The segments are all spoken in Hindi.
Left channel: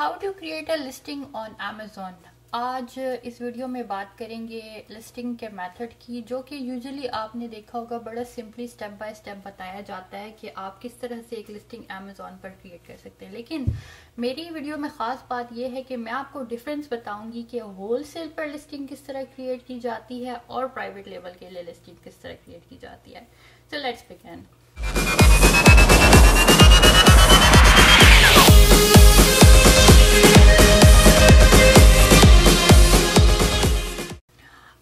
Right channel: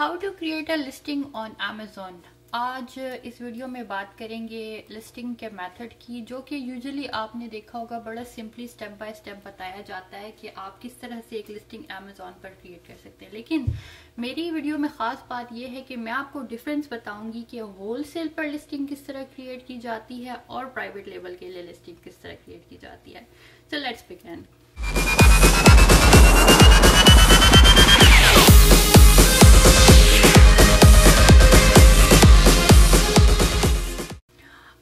How to create a listing on Amazon। आज इस वीडियो में बात करेंगे लिस्टिंग के मेथड की, जो कि यूजुअली आपने देखा होगा बड़ा सिंपली स्टेप बाय स्टेप बताया जाता है कि आप किस तरह से एक लिस्टिंग Amazon पर क्रिएट कर सकते हैं। लेकिन मेरी वीडियो में खास बात यह है कि मैं आपको डिफरेंस बताऊंगी कि होलसेल पर लिस्टिंग किस तरह क्रिएट की जाती है और प्राइवेट लेवल के लिए लिस्टिंग किस तरह क्रिएट की जाती है। So let's begin.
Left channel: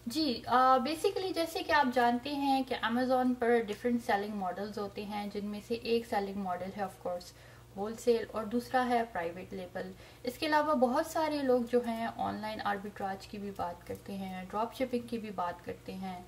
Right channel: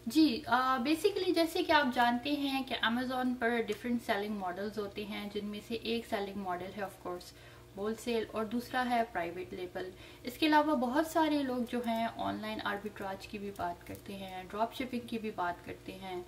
जी बेसिकली जैसे कि आप जानते हैं कि Amazon पर डिफरेंट सेलिंग मॉडल्स होते हैं, जिनमें से एक सेलिंग मॉडल है ऑफ कोर्स होलसेल और दूसरा है प्राइवेट लेबल। इसके अलावा बहुत सारे लोग जो हैं ऑनलाइन आर्बिट्राज की भी बात करते हैं, ड्रॉप शिपिंग की भी बात करते हैं,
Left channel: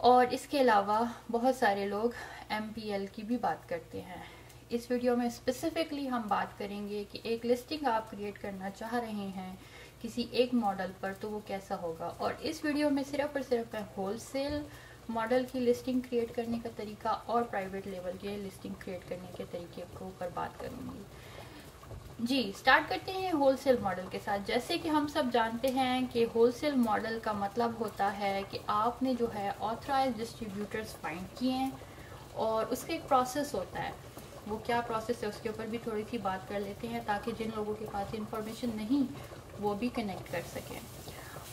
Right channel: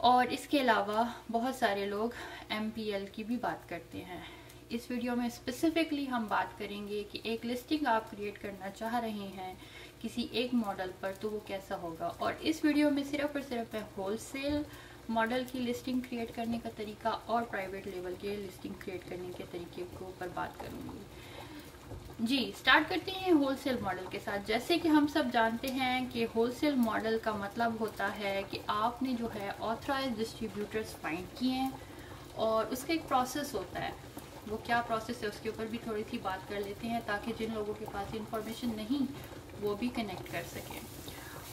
और इसके अलावा बहुत सारे लोग MPL की भी बात करते हैं। इस वीडियो में स्पेसिफिकली हम बात करेंगे कि एक लिस्टिंग आप क्रिएट करना चाह रहे हैं किसी एक मॉडल पर तो वो कैसा होगा। और इस वीडियो में सिर्फ और सिर्फ मैं होलसेल मॉडल की लिस्टिंग क्रिएट करने का तरीका और प्राइवेट लेवल के लिस्टिंग क्रिएट करने के तरीके के ऊपर बात करूंगी। जी स्टार्ट करते हैं होलसेल मॉडल के साथ। जैसे कि हम सब जानते हैं कि होलसेल मॉडल का मतलब होता है कि आपने जो है ऑथराइज्ड डिस्ट्रीब्यूटर्स फाइंड किए हैं और उसका एक प्रोसेस होता है। वो क्या प्रोसेस है उसके ऊपर भी थोड़ी सी बात कर लेते हैं, ताकि जिन लोगों के पास इंफॉर्मेशन नहीं वो भी कनेक्ट कर सकें।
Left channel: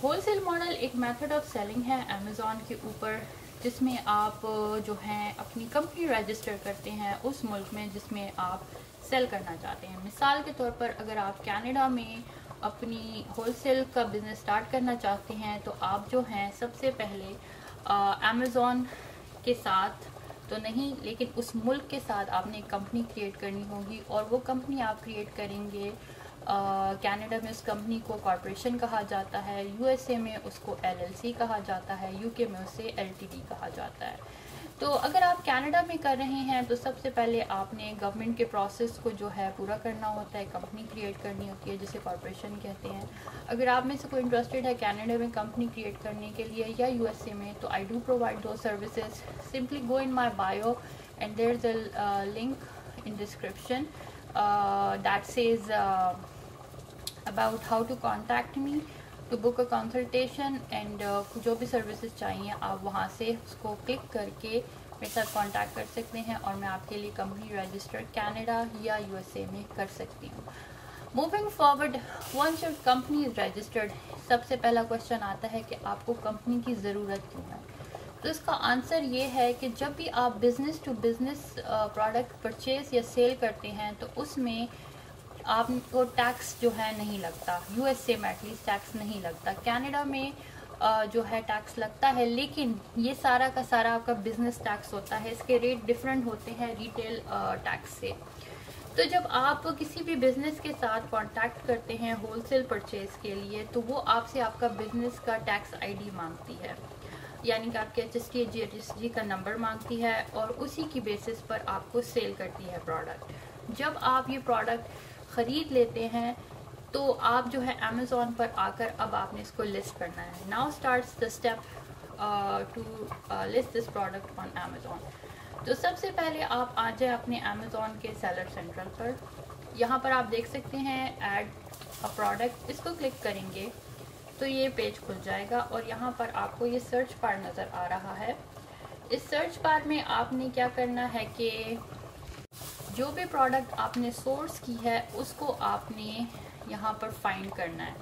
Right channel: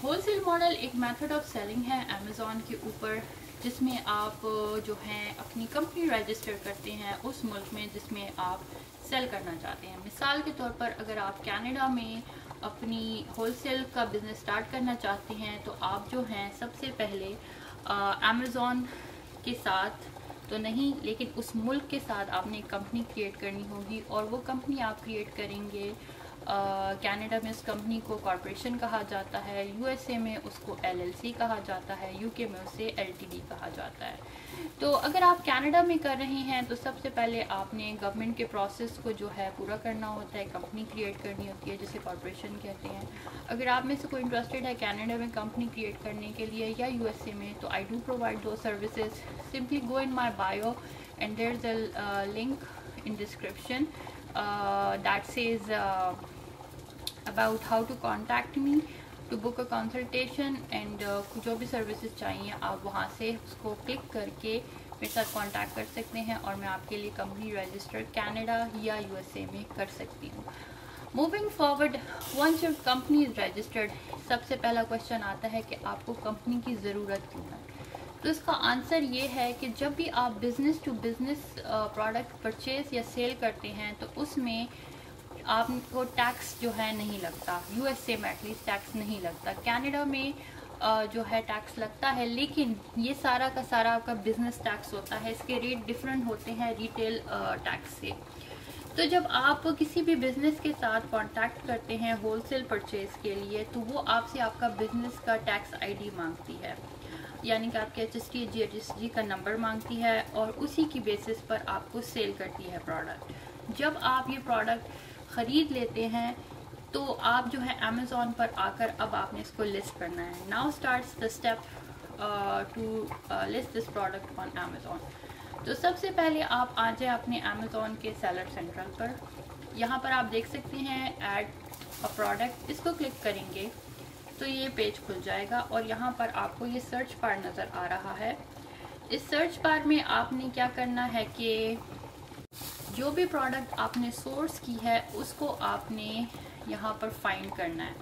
होलसेल मॉडल एक मेथड ऑफ सेलिंग है Amazon के ऊपर, जिसमें आप जो हैं अपनी कंपनी रजिस्टर करते हैं उस मुल्क में जिसमें आप सेल करना चाहते हैं। मिसाल के तौर पर अगर आप कनाडा में अपनी होलसेल का बिजनेस स्टार्ट करना चाहते हैं तो आप जो हैं सबसे पहले Amazon के साथ तो नहीं, लेकिन उस मुल्क के साथ आपने एक कंपनी क्रिएट करनी होगी, और वो कंपनी आप क्रिएट करेंगे। कनाडा में उस कंपनी को कॉर्पोरेशन कहा जाता है, USA में उसको LLC कहा जाता है, UK में उसे LTD कहा जाता है। तो अगर आप कनाडा में कर रहे हैं तो सबसे पहले आपने गवर्नमेंट के प्रोसेस को जो है पूरा करना होता है, कंपनी क्रिएट करनी होती है जिसे कॉर्पोरेशन कहते हैं। अगर आप में से कोई इंटरेस्टेड है कनाडा में कंपनी क्रिएट करने के लिए या USA में, तो आई डू प्रोवाइड दो services. Simply go in my bio and there is a link in description that says about how to contact me to book a consultation and जो भी सर्विसेज चाहिए आप वहाँ से उसको क्लिक करके मेरे साथ कांटेक्ट कर सकते हैं और मैं आपके लिए कंपनी रजिस्टर कनाडा या USA में कर सकती हूँ। Moving forward, once your company is registered, सबसे पहला क्वेश्चन आता है कि आपको कंपनी की ज़रूरत क्यों है। तो इसका आंसर ये है कि जब भी आप business to business product purchase या सेल करते हैं तो उसमें आपको टैक्स जो है नहीं लगता। USA में एटलीस्ट टैक्स नहीं लगता। कनाडा में जो है टैक्स लगता है, लेकिन ये सारा का सारा आपका बिजनेस टैक्स होता है। इसके रेट डिफरेंट होते हैं रिटेल टैक्स से। तो जब आप किसी भी बिजनेस के साथ कांटेक्ट करते हैं होलसेल परचेज के लिए, तो वो आपसे आपका बिजनेस का टैक्स ID मांगती है, यानी कि आपके HST का नंबर मांगती है, और उसी की बेसिस पर आपको सेल करती है प्रोडक्ट। जब आप ये प्रोडक्ट खरीद लेते हैं तो आप जो है Amazon पर आकर अब आपने इसको लिस्ट करना है। Now starts the step to list this product on Amazon। तो सबसे पहले आप आ जाए अपने Amazon के सेलर सेंट्रल पर। यहाँ पर आप देख सकते हैं ऐड अ प्रोडक्ट, इसको क्लिक करेंगे तो ये पेज खुल जाएगा और यहाँ पर आपको ये सर्च बार नज़र आ रहा है। इस सर्च बार में आपने क्या करना है कि जो भी प्रोडक्ट आपने सोर्स की है उसको आपने यहाँ पर फाइंड करना है।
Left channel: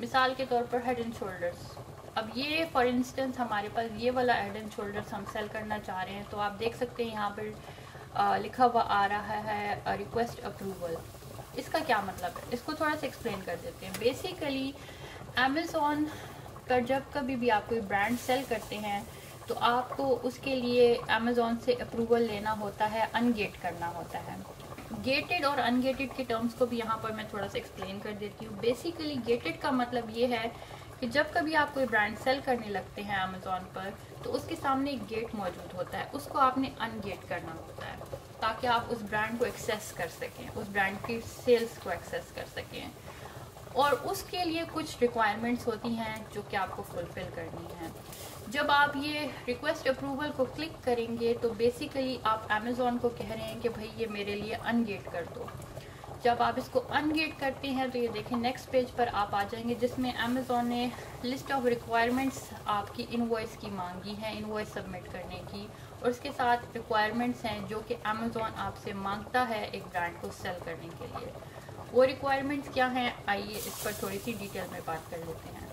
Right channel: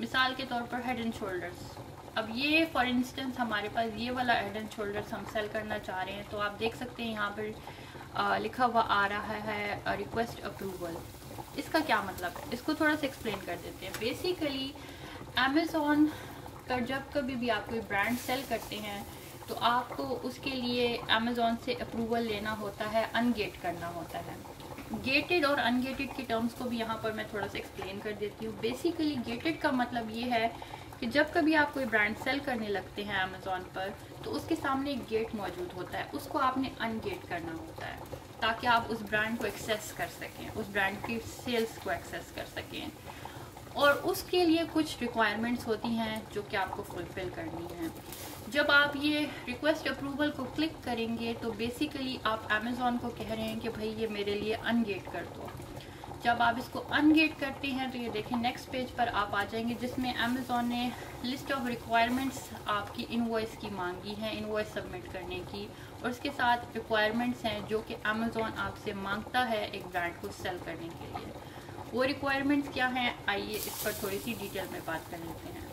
मिसाल के तौर पर हेड एंड शोल्डर्स, अब ये फॉर इंस्टेंस हमारे पास ये वाला हेड एंड शोल्डर्स हम सेल करना चाह रहे हैं, तो आप देख सकते हैं यहाँ पर लिखा हुआ आ रहा है रिक्वेस्ट अप्रूवल। इसका क्या मतलब है, इसको थोड़ा सा एक्सप्लेन कर देते हैं। बेसिकली Amazon पर जब कभी भी आप कोई ब्रांड सेल करते हैं तो आपको उसके लिए Amazon से अप्रूवल लेना होता है, अनगेट करना होता है। गेटेड और अनगेटेड के टर्म्स को भी यहाँ पर मैं थोड़ा सा एक्सप्लेन कर देती हूँ। बेसिकली गेटेड का मतलब ये है कि जब कभी आप कोई ब्रांड सेल करने लगते हैं Amazon पर, तो उसके सामने एक गेट मौजूद होता है, उसको आपने अनगेट करना होता है ताकि आप उस ब्रांड को एक्सेस कर सकें, उस ब्रांड की सेल्स को एक्सेस कर सकें। और उसके लिए कुछ रिक्वायरमेंट्स होती हैं जो कि आपको फुलफिल करनी है। जब आप ये रिक्वेस्ट अप्रूवल को क्लिक करेंगे तो बेसिकली आप Amazon को कह रहे हैं कि भाई ये मेरे लिए अनगेट कर दो। जब आप इसको अनगेट करते हैं तो ये देखें नेक्स्ट पेज पर आप आ जाएंगे, जिसमें अमेज़ॉन ने लिस्ट ऑफ रिक्वायरमेंट्स आपकी इनवॉइस की मांगी है, इनवॉइस सबमिट करने की, और उसके साथ रिक्वायरमेंट्स हैं जो कि अमेज़ॉन आपसे मांगता है एक ब्रांड को सेल करने के लिए। वो रिक्वायरमेंट्स क्या हैं, आइए इस पर थोड़ी सी डिटेल में बात कर लेते हैं।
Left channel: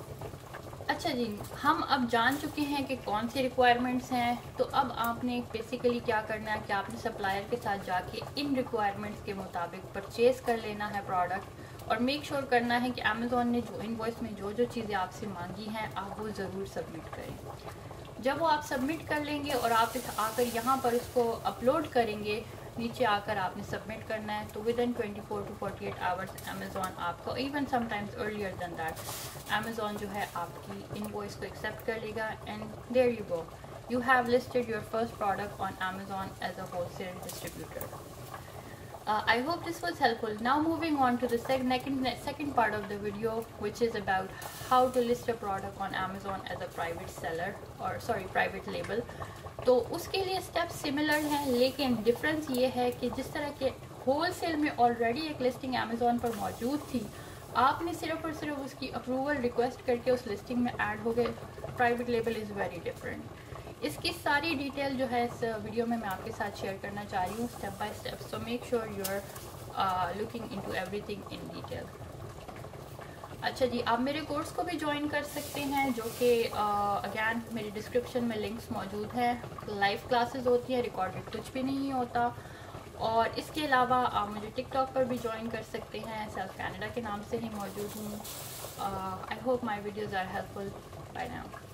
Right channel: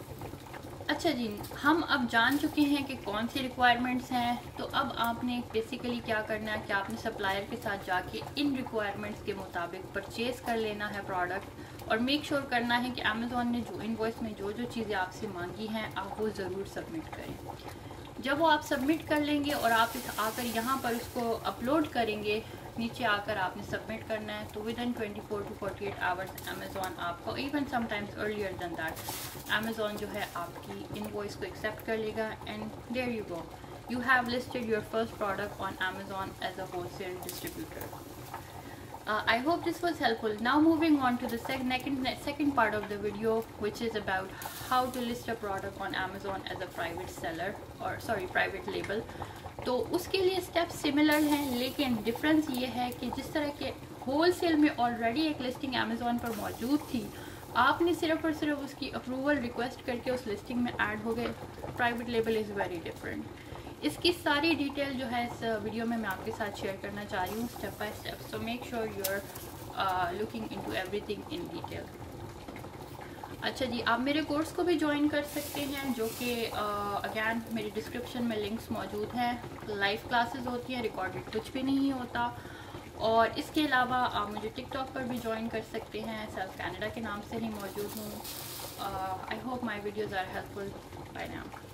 अच्छा जी, हम अब जान चुके हैं कि कौन सी रिक्वायरमेंट्स हैं, तो अब आपने बेसिकली क्या करना है कि आपने सप्लायर के साथ जाके इन रिक्वायरमेंट्स के मुताबिक परचेज कर लेना है प्रोडक्ट, और मेक श्योर करना है कि अमेज़ॉन ने जो इनवॉइस में जो जो चीज़ें आपसे मांगी हैं आप वो ज़रूर सबमिट करें। जब वो आप सबमिट कर लेंगे और आप आकर यहाँ पर इसको अपलोड करेंगे, नीचे आकर आपने सबमिट करना है, तो within 24 to 48 hours Amazon आपको, even sometimes earlier than that, Amazon जो है आपकी इनवॉइस को एक्सेप्ट कर लेगा। And there you go, you have listed your first product on Amazon as a wholesale distributor. I hope this was helpful. Now moving on to the second part of the video, which is about how to list a product on Amazon as a private seller, or sorry, private label. तो उसके लिए स्टेप्स सिमिलर हैं, लेकिन डिफरेंस ये है कि जिस तरह के होलसेल में ऑलरेडी एक लिस्टिंग अमेज़ॉन पर मौजूद थी, आपने सिर्फ और सिर्फ उसकी अप्रूवल रिक्वेस्ट करके उस लिस्टिंग में ऐड हो गए। Private label is very different. इसकी सारी डिटेल जो है इस वीडियो में मैं आपके साथ शेयर करना चाह रही हूँ step by step, so make sure you are looking into everything in detail. अच्छा जी, आप मेरे कोर्स को भी ज्वाइन कर सकते हैं, जो कि अगैन मेरी डिस्क्रिप्शन में लिंक्स मौजूद हैं। लाइव क्लासेस होती हैं, रिकॉर्डेड कुछ भी नहीं होता। और इसके अलावा आप मुझे टिकटॉक पर भी ज्वाइन कर सकते हैं, सेल्फ कैनेडा के नाम से ही मौजूद हूँ। I hope my videos are helpful. Bye now.